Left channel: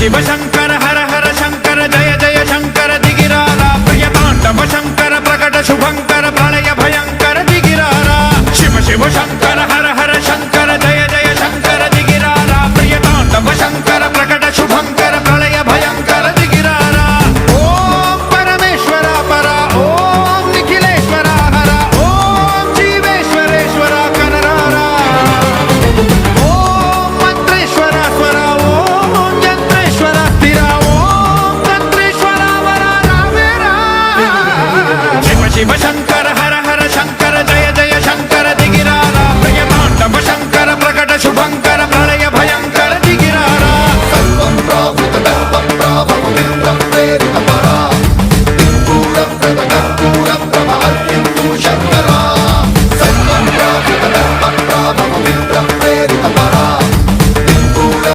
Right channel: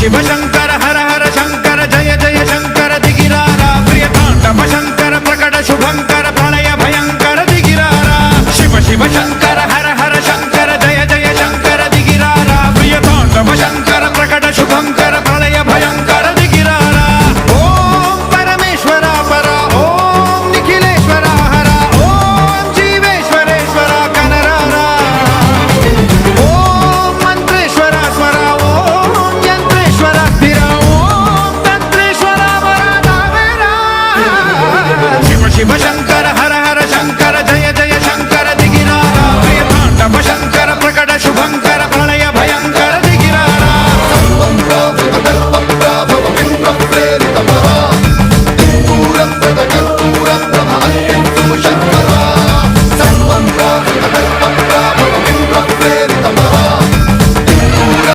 शिव शंकर हर हर शंकर जय जय शंकर दिगिरारा प्रिय तांडव शंकर प्रकट शुभंकर प्रलय भयंकर दिगिरारा शिव शिव शंकर